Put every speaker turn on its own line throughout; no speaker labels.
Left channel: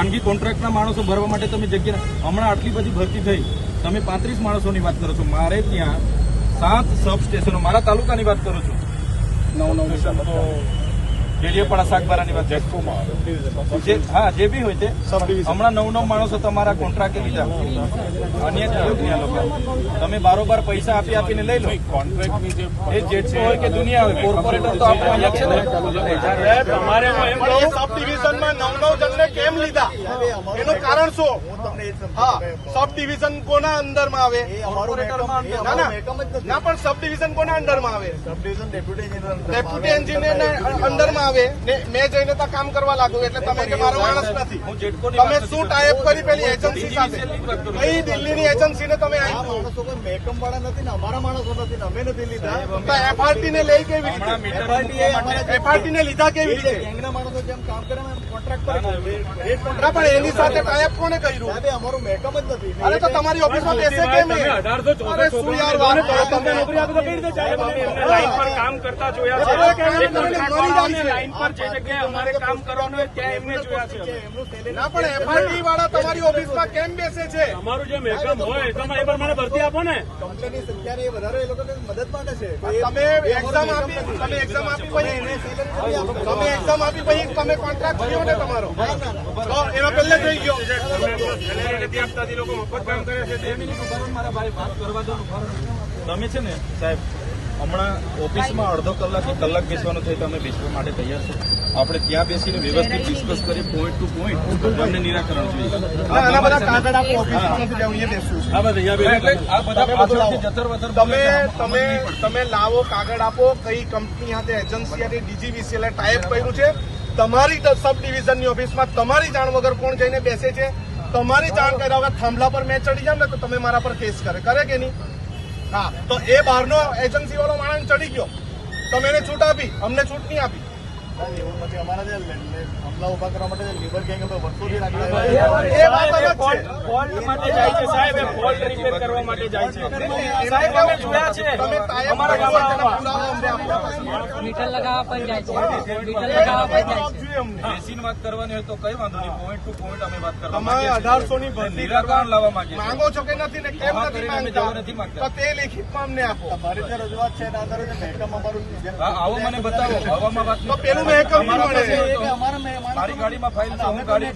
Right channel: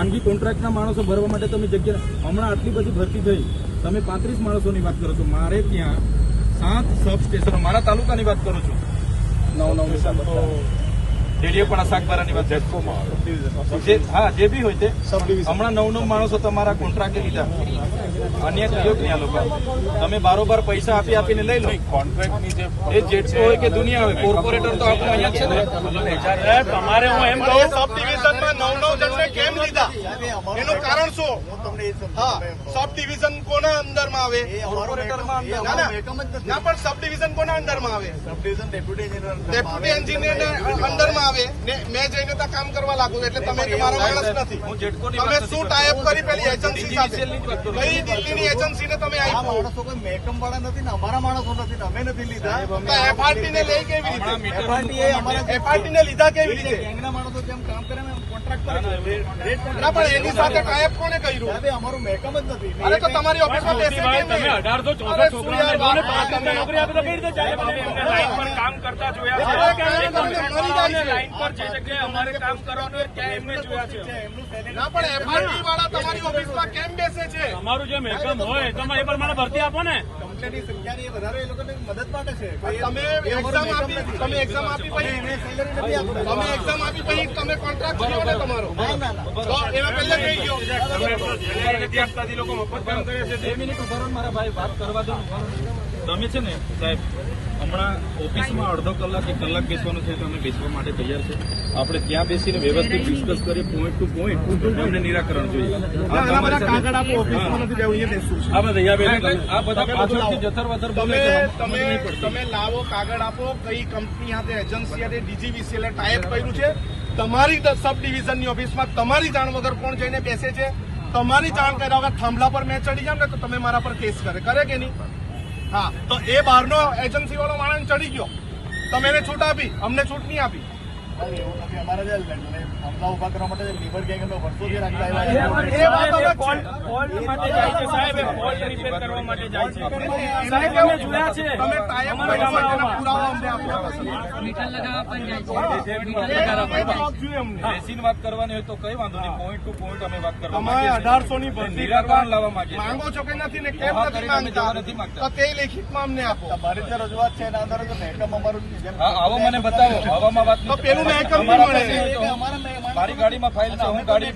ખાનગી કોન્ટ્રાક્ટના માણસો ભરવા માટે તમે જગ્યા હમણાં આટલી બધી ભરતી થઈ. તમે પાંત્રીસ માણસોની વાત કરો છો. મારે ત્યાં સાત સબ સ્ટેશનો મારા તાલુકાની વાત કરું છું. નવ નવ ડેડીયાપાડા શાકબારાની વાત જેટકોમાં હા જે બી હોય તે. હમણાં નવ નવ માણસો તમારા કોન્ટ્રાક્ટે લીધા. અન્ય થયો કે આ લોકો. તમે બારોબાર પૈસા આપી આપીને લઈ લો.
કોન્ટ્રાક્ટની જે
એ જેટલું હોય કે દુનિયા હોય કોર્પોરેટર તો આપણું અહીંયા છે ને?
તમારે હું એમ કહું
સબ ડિવિઝનમાં નવ નવ જણને કેમ લીધા? એનું કારણ શું? હા સબ ડિવિઝન કોના અંદરમાં આવે?
કોર્પોરેટરમાં
ના પણ સબ ડિવિઝન કોના અંદરમાં આવે? ડેપ્યુટી એન્જિનિયર ને અંદરમાં આવે. ને મેં જઈને ત્યાં કામ કરવા લાગુ એટલે તમે મારા માણસ નથી. તમે શું ટાઈપ કરી પેલી એજન્સી સાથે?
નહીં ની છું.
દિલ્હીની એજન્સીને તમે
માણસો કોઈ મેકમ વાળા નથી ને અમારા માણસો નથી ને અમે નથી લીધા.
એફઆરટી ને લઈ કેવી રીતે? એફઆરટી ને લીધા કેવી રીતે?
ગેંગના માણસો જેમ કામ કરે ને કોન્ટ્રાક્ટ
એની સાથે ટાઈપ કોને કર્યું?
અમારું મેકમ જ નથી.
અરે તો તમારી ઓફિસમાં બેસે કેમ નહીં?
અઢારસો
અરે શું યાર વાત
નોકરી આપે તો કઈ રીતે ચાલે? લાઈન પર કામ કરતા જોયા
બધા કામ કરીને મરી જાય છે.
લાઈન પર જે જગ્યાએ અમારે કામ કરવાનું હોય ત્યાં એમને જોયા છે?
ના પણ એફઆરટી વાળા તમારી ઓફિસમાં કેમ બેસે છે?
અમારું જે મેકમ હોય તમે એ પ્રમાણે ભરતી આપો ને.
કંપનીની સંખ્યા એ વધારે એ લોકોને મદદ માંગે છે.
તમે એક્ઝામ આપી તમે એક્ઝામ આપી પછી તમે એક્ઝામ આપી પછી તમે કોન્ટ્રાક્ટ ને? તમારો. તો એનો પહેલે જોઈ ગયો.
તમે છે.
ને સાહેબ હમણાં ઓફિસમાં અડધો કલાક કે કલાક બેસવાનું થયું તમે બેસવા માટે તૈયાર છે. આપણે ત્યાં બેસીને વ્યવસ્થિત ડિસ્કસ કરી પોઈન્ટ ટુ પોઈન્ટ અમને નિરાકરણ જોઈએ.
તમે લાવો કાગળ આપો કઈ કંપની સાથે એજન્સી ડીજીવીસીએલ ટાઈપ કર્યું છે. તમારી સબ ડિવિઝનની ઓફિસમાં તમારી જાણ વગર કોણ જઈને બેસે છે? તમારી જાણ કર્યા વગર થાંભલા પર મેં ચડી જાવ ને તો તમે મારા પર કેસ કરે. કરે કે નહીં? હા, તો એ બહારનો એજન્સી વાળો માણસ ચડી ગયો. તમે એને છૂટ આપી, અમને છૂટ નહીં આપી.
અમારા હમલા ઊભા કરવા માટે લેબર ગેંગ અમે વર્ષોથી રાખતા
અઢારસો ની
નિરાકરણ લાવવા માંગીએ
માંગો છો કે નથી ને કેમ નથી
કરીને જવા નથી
માંગતા. તે લેખિતમાં અમને આપો.
જે રજૂઆત છે એના આધારે જે અમારું
આવો મને બતાવો. હવામાં વાત
પેલું
અમારા
મારી ગાડીમાં ફાઇલ છે હું ગાડી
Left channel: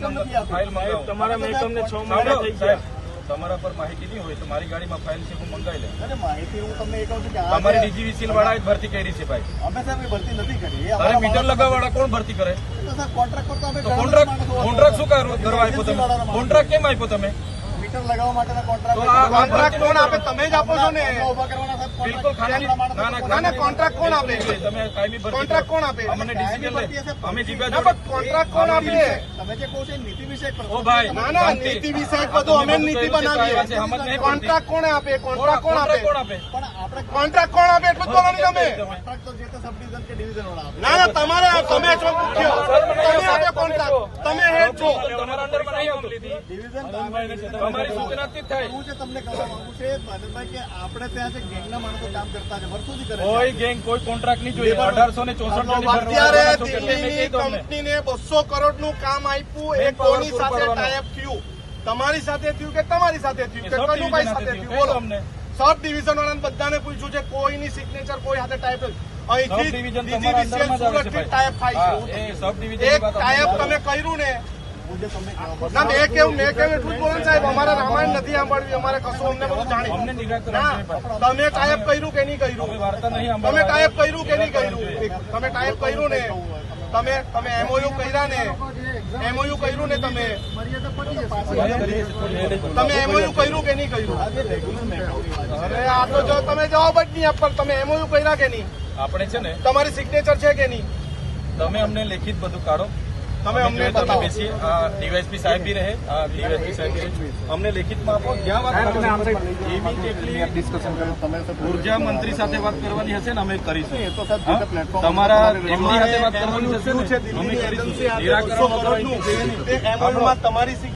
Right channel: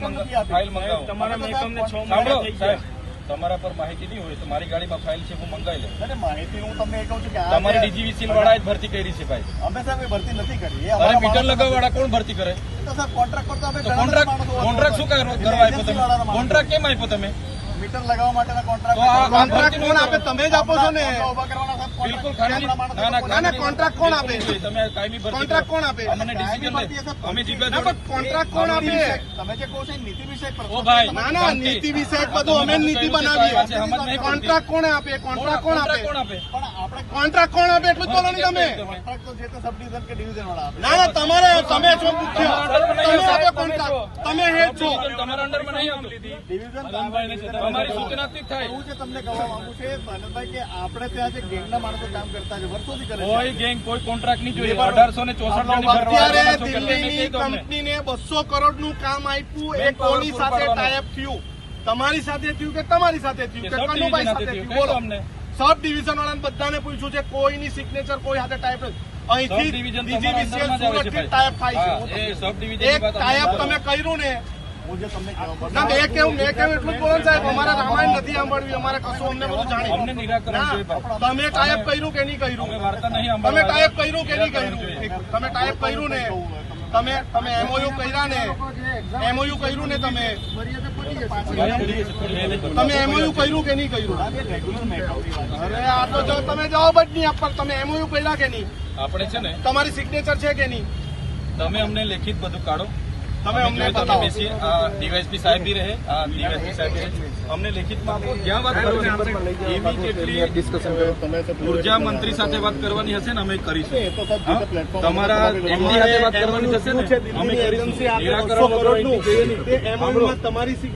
ફાઇલ મંગાવું.
તમારા મેકમને છ મહિના
સાહેબ તમારા પર માહિતી નહીં હોય તો મારી ગાડીમાં ફાઇલ છે હું મંગાવી લઉં.
અરે માહિતી હું તમને એ કહું છું કે
તમારી
જે-
ડીજીવીસી વાળા જ ભરતી કરી છે ભાઈ.
અમે સાહેબ ભરતી નથી કરી.
અરે મીટર લગાવવા વાળા કોણ ભરતી કરે?
કોન્ટ્રાક્ટ
કોન્ટ્રાક્ટ શું કરવા આપ્યો તમે? કોન્ટ્રાક્ટ કેમ આપ્યો તમે?
મીટર લગાવવા માટેના કોન્ટ્રાક્ટ
કોન્ટ્રાક્ટ કોણ આપે તમે જ આપો છો ને.
બિલકુલ ખાનગી ના ના
ના, contract કોણ આપે?
છે તમે કાયમી ભરતી
કોન્ટ્રાક્ટ કોણ આપે?
અમને ડિસિઝન લે. અમે જીવ્યા જોડે.
કોન્ટ્રાક્ટ કોણ આપે?
તમે જે કહો છો નીતિ વિષયક પ્રશ્ન
ઓ ભાઈ
ના ના નીતિ વિષયક બધું અમે જ નીતિ બનાવીએ.
છે, સમજ નહીં
કોન્ટ્રાક્ટ કોણ આપે? કોન્ટ્રાક્ટ કોણ આપે?
કોણ આપે?
પણ આપણે
કોન્ટ્રાક્ટ કોણ આપે એટલું જ બોલો તમે?
સબ ડિવિઝન કે ડિવિઝન વાળા
ના ના તમારે તમે છો મુખ્ય. તમે આપે કોન્ટ્રાક્ટ. તમે હેડ છો.
તમારા અંડરમાં નહીં આવતું.
ડિવિઝન
તમારી સૂચનાથી થાય
હું જે તમને કહેવા માંગુ છું એ ભાનુભાઈ કે આપણે ત્યાં જે ગેંગના માણસો કામ કરતા છે વર્ષોથી કરે
કોઈ ગેંગ કોઈ કોન્ટ્રાક્ટ નહીં જોઈએ. અઢારસો ને ચોસઠ
અત્યારે
કરવાના છો કે
દિલ્હીની
કહી દો અમને.
કંપનીને બસો કરોડનું કામ આપ્યું એ કોની સાથે. ટાઈપ થયું. તમારી સાથે થયું કે તમારી સાથે થયું? કે કનુભાઈ સાથે
થયું.
બોલો.
અમને.
સબ ડિવિઝન વાળા બધાને પૂછ્યું છે કોઈની સિગ્નેચર કોઈ હાથે ટાઈપ તમે ટાઈપ કર્યું કે નહીં કર્યું? તમે ટાઈપ કર્યું કે નહીં કર્યું? તમે ટાઈપ કર્યું ને તમે તમે એમઓયુ કર્યા ને એમઓયુ કર્યું ને તમે. તમે એમઓયુ કર્યું કે નહીં કર્યું? અરે આ તો જો તમે જવાબ જ નહીં આપવા તમે એમઓયુ કર્યા કે નહીં?
આપણે છે ને
તમારી સિગ્નેચર છે કે નહીં?
તમે અમને લેખિત બધું કાઢો.
તમે અમને
તમે આ ડીવાયસપી સાહેબ બી રહે. આ ડીવાયસપી સાહેબ અમને લેખિતમાં આપો. જ્યાં વાત કરવાની એવી કેટલી
તમે
ઊર્જા મંત્રી સાથે વાત કરવાની હશે ને અમે
એ
કરીશું
તો સાહેબ પ્લેટફોર્મ
તમારા સાથે વાત કરવાની હશે ને? અમે
એજન્સી તમારી